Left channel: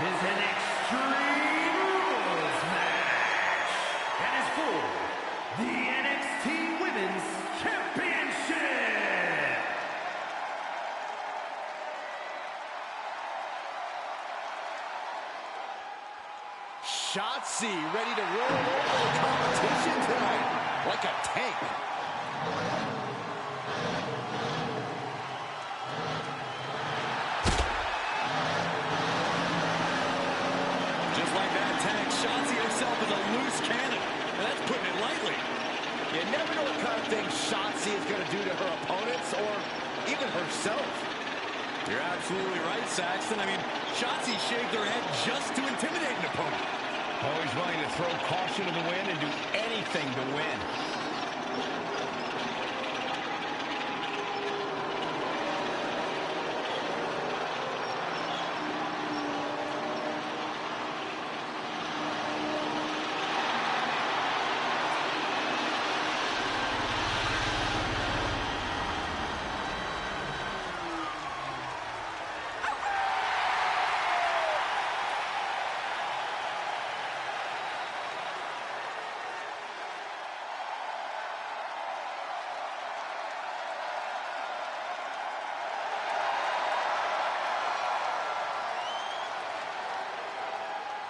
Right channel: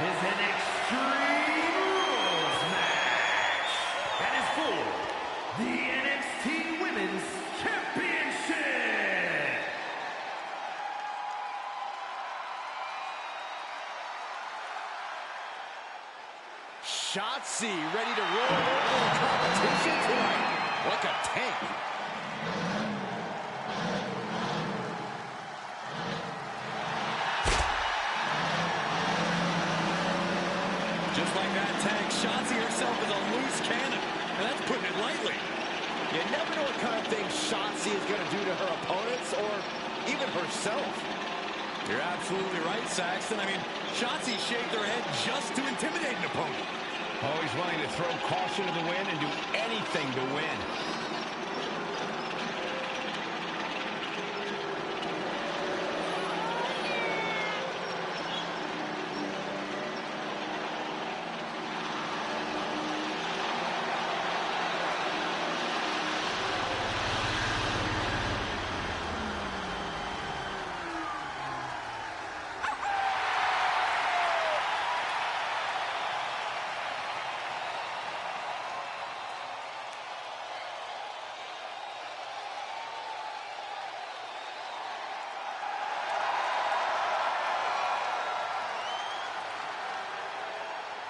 is an Extreme Rules match and is for the NXT Women's Championship. Shotzi ready to roll over the competition tonight like a tank. Just like that tank, Shotzi herself is a loose cannon, and that's putting it lightly. You never know what kind of thing Shotzi is going to do to her opponents or even herself. You're absolutely right, Saxton. I mean, Shotzi shaved her head just to intimidate an opponent. Always willing to throw caution to the wind and do anything to win.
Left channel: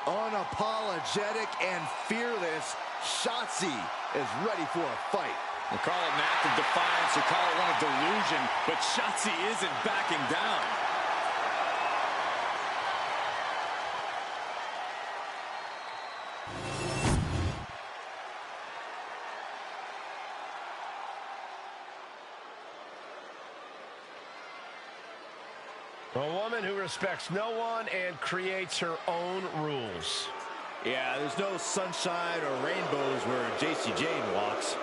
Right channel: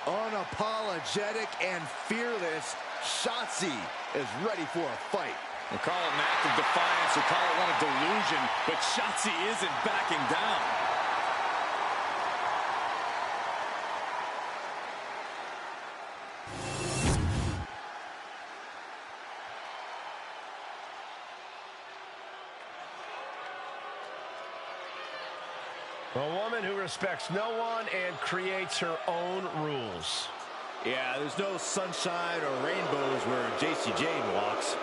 Unapologetic and fearless, Shotzi is ready for a fight. We'll call it an act of defiance or call it one of delusion, but Shotzi isn't backing down. A woman who respects no one and creates her own rules. Yeah, there's no sunshine or rainbows where Jayne walks.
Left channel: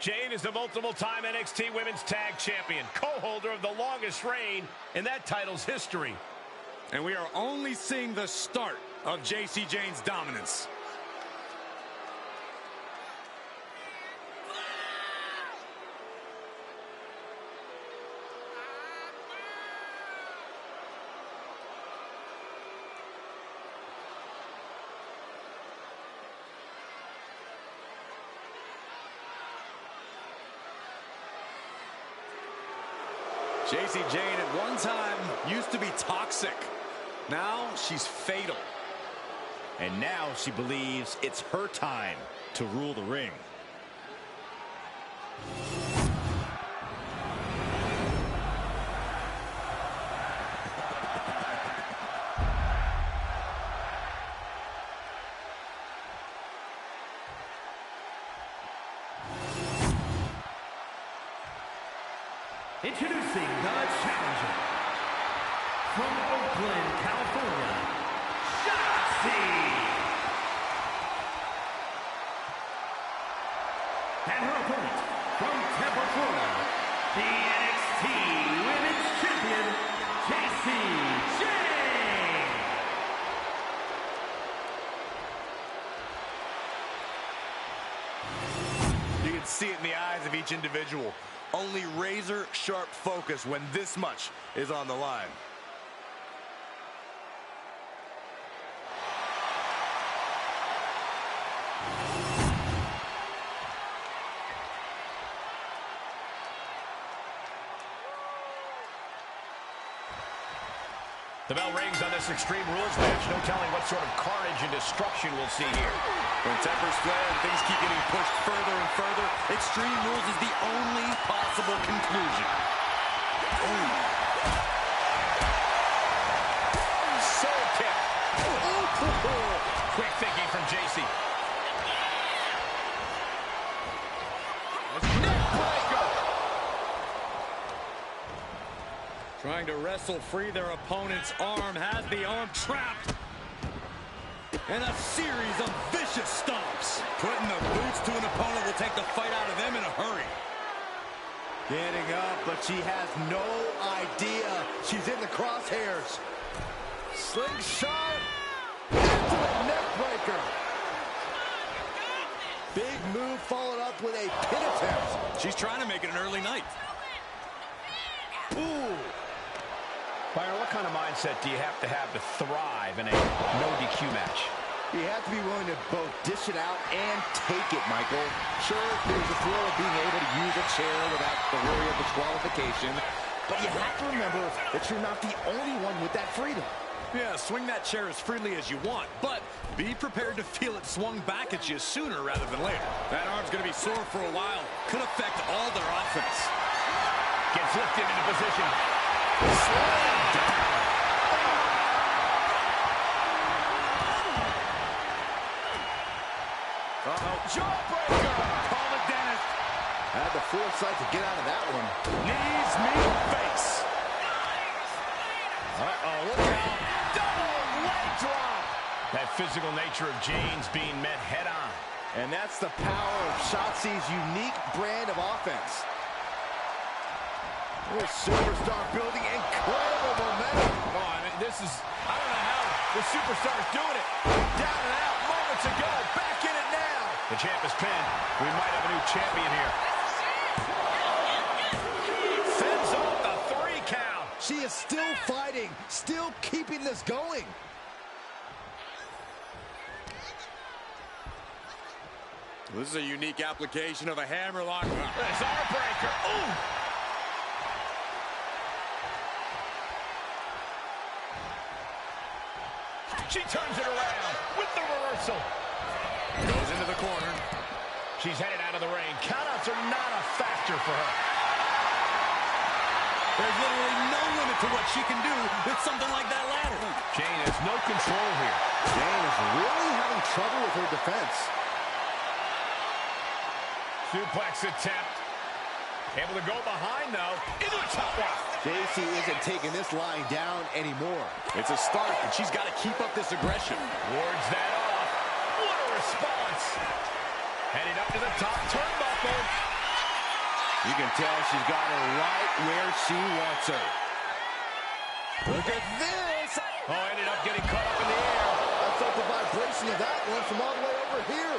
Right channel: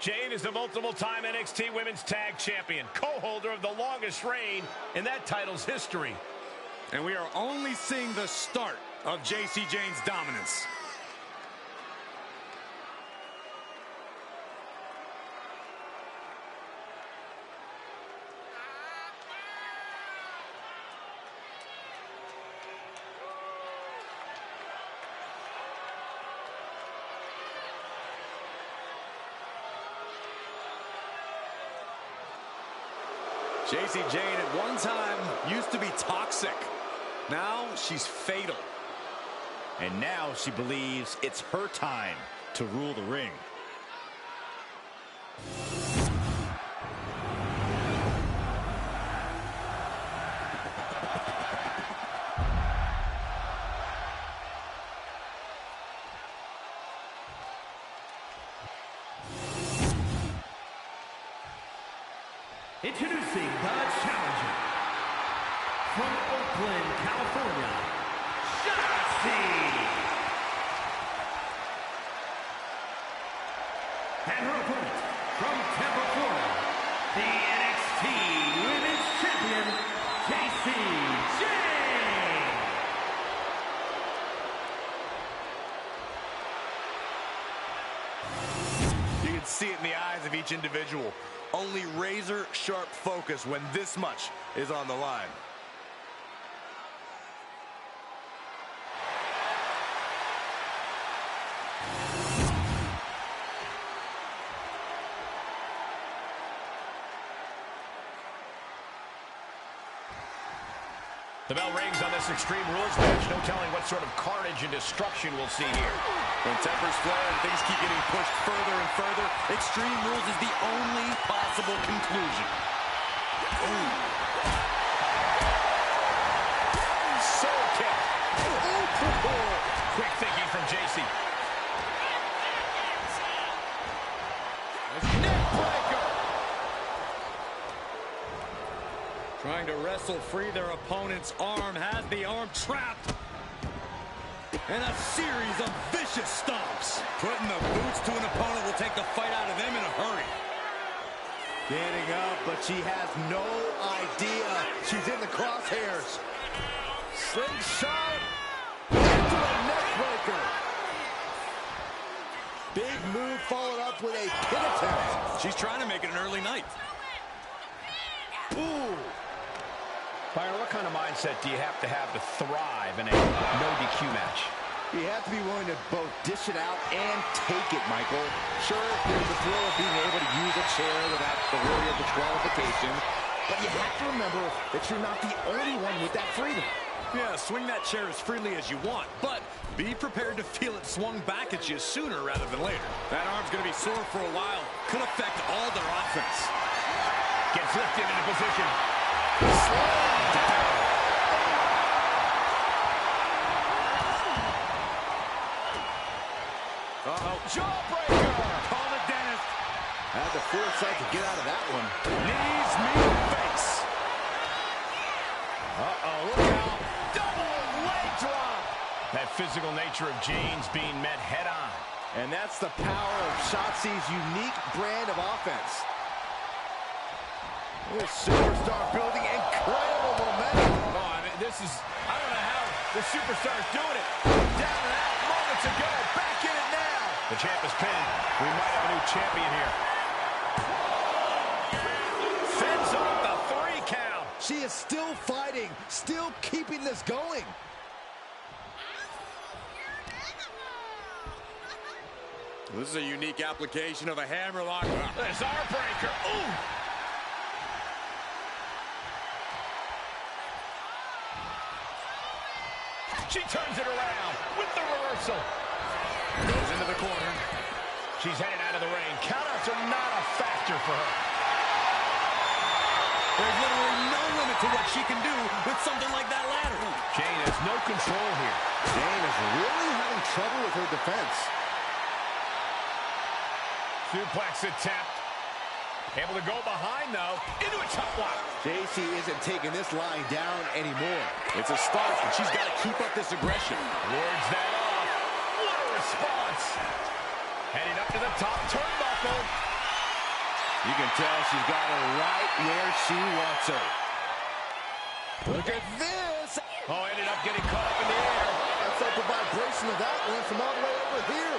Jayne is the multiple-time NXT Women's Tag Champion, co-holder of the longest reign in that title's history. And we are only seeing the start of Jayne's dominance. Jayne at one time used to be toxic. Now she's fatal. And now she believes it's her time to rule the ring. Introducing the challenger from Oakland, California, Shotzi. And her opponent from Tampa, Florida, the NXT Women's Champion, Jacy. You can see it in the eyes of each individual. Only razor-sharp focus when this much is on the line. The bell rings on this Extreme Rules match. No telling what sort of carnage and destruction we'll see here. When tempers flare and things keep getting pushed further and further, Extreme Rules is the only possible conclusion. Ooh. Soul kick. Ooh. Quick thinking from Jacy. Neck breaker. Trying to wrestle free their opponent's arm, has the arm trapped. And a series of vicious stomps. Putting the boots to an opponent will take the fight out of them in a hurry. Getting up, but she has no idea she's in the crosshairs. Slingshot into a neck breaker. Big move followed up with a pin attempt. She's trying to make it an early night. Byron, what kind of mindset do you have to thrive in a no DQ match? You have to be willing to both dish it out and take it, Michael. Sure, there's a thrill of being able to use a chair without the worry of disqualification, but you have to remember that you're not the only one with that freedom. Yeah, swing that chair as freely as you want, but be prepared to feel it swung back at you sooner rather than later. That arm's going to be sore for a while. Could affect all their offense. Gets lifted into position. Slam down. Uh-oh. Jawbreaker! Call the dentist. Had the foresight to get out of that one. Knees, meet, face. Uh-oh, look out. Double leg drop. That physical nature of Jayne's being met head-on. And that's the power of Shotzi's unique brand of offense. This superstar building incredible momentum. Oh, I mean, I don't know how the superstar is doing it. Down and out moments ago. Back in it now. The champ is pinned. We might have a new champion here. Fends off the 3 count. She is still fighting, still keeping this going. This is a unique application of a hammerlock. There's our breaker. Ooh! She turns it around with the reversal. Goes into the corner. She's headed out of the ring. Countouts are not a factor for her. There's literally no limit to what she can do with something like that ladder. Jayne has no control here. Jayne is really having trouble with her defense. Suplex attempt. Able to go behind, though. Into a top rock. Jacy isn't taking this lying down anymore. It's a start, but she's got to keep up this aggression. Wards that off. What a response. Heading up to the top turnbuckle. You can tell she's got her right where she wants her. Look at this. Oh, ended up getting caught up in the air. I felt the vibration of that one from all the way over here.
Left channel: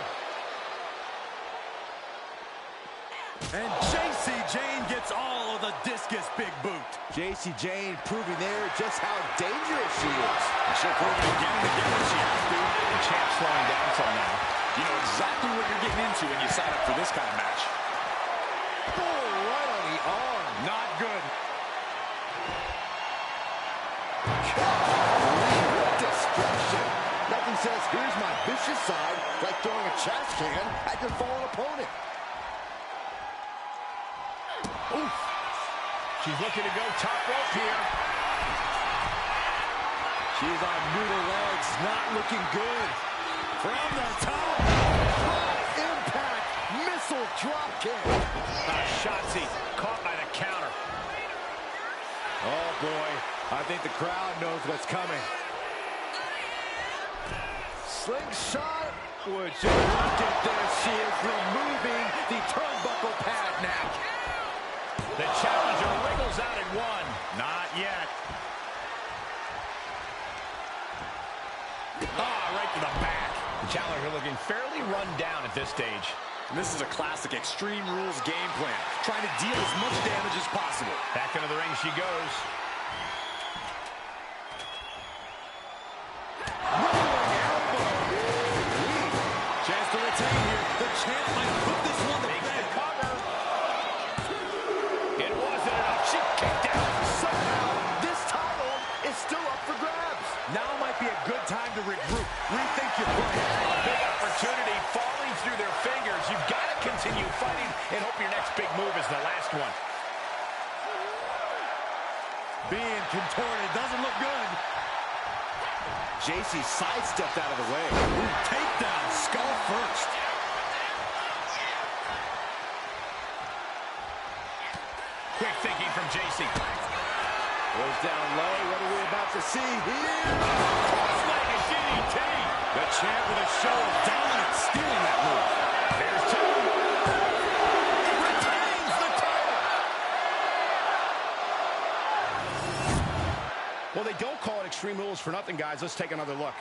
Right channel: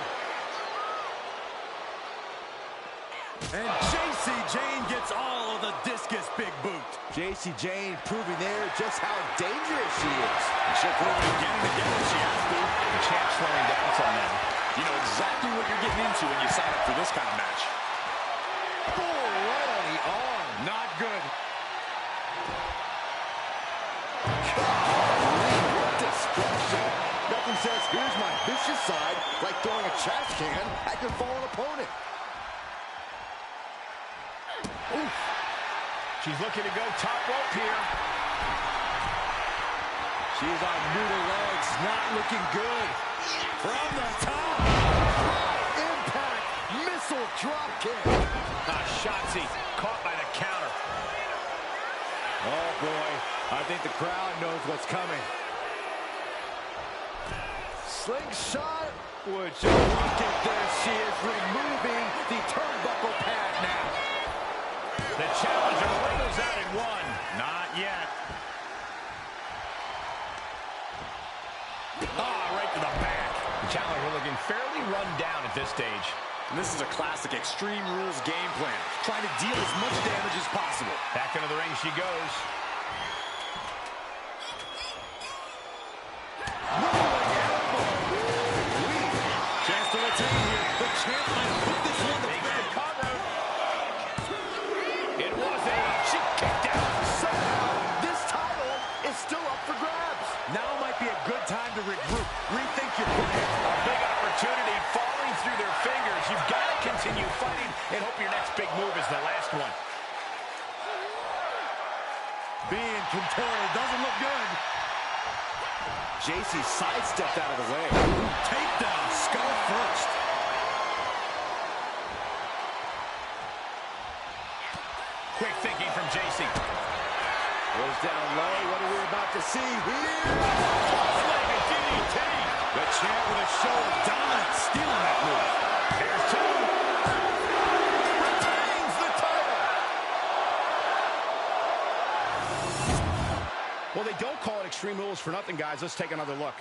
And Jacy Jayne gets all of the discus big boot. Jacy Jayne proving there just how dangerous she is. She'll prove it again and again when she has to. The champ's slowing down some now. You know exactly what you're getting into when you sign up for this kind of match. Oh, right on the arm. Not good. What destruction. Nothing says, here's my vicious side, like throwing a trash can at your fallen opponent. Oof. She's looking to go top rope here. She's on noodle legs, not looking good. From the top. High impact missile drop kick. Shotzi caught by the counter. Oh boy, I think the crowd knows what's coming. Slingshot. Would you look at this? She is removing the turnbuckle pad now. The challenger wriggles out at 1. Not yet. Right to the back. The challenger looking fairly run down at this stage. And this is a classic Extreme Rules game plan, trying to deal as much damage as possible. Back into the ring she goes. Rolling elbow. Chance to retain here. The champ might have put this one to Makes bed. the cover. It wasn't enough. She kicked out. Somehow, this title is still up for grabs. Now might be a good time to regroup. Rethink your plan. A big opportunity falling through their fingers. You've got to continue fighting and hope your next big move is the last one. Being contorted doesn't look good. Jacy sidestepped out of the way. Takedown, skull first. Quick thinking from Jacy. Goes down low. What are we about to see here? Cross-legged DDT. The champ with a show of dominance, stealing that move. There's 2. Retains the title. Well, they don't call it Extreme Rules for nothing, guys. Let's take another look.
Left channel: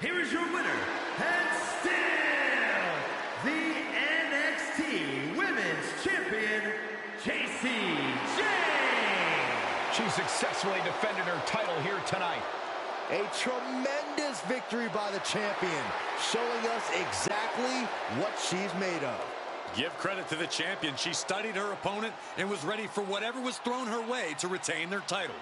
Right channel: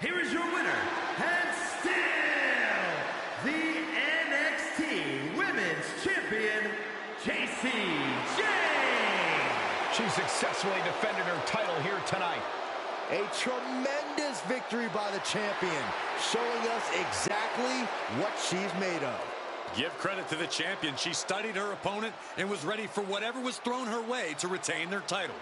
here is your winner, and still the NXT Women's Champion, Jacy Jayne. She successfully defended her title here tonight. A tremendous victory by the champion, showing us exactly what she's made of. Give credit to the champion. She studied her opponent and was ready for whatever was thrown her way to retain their title.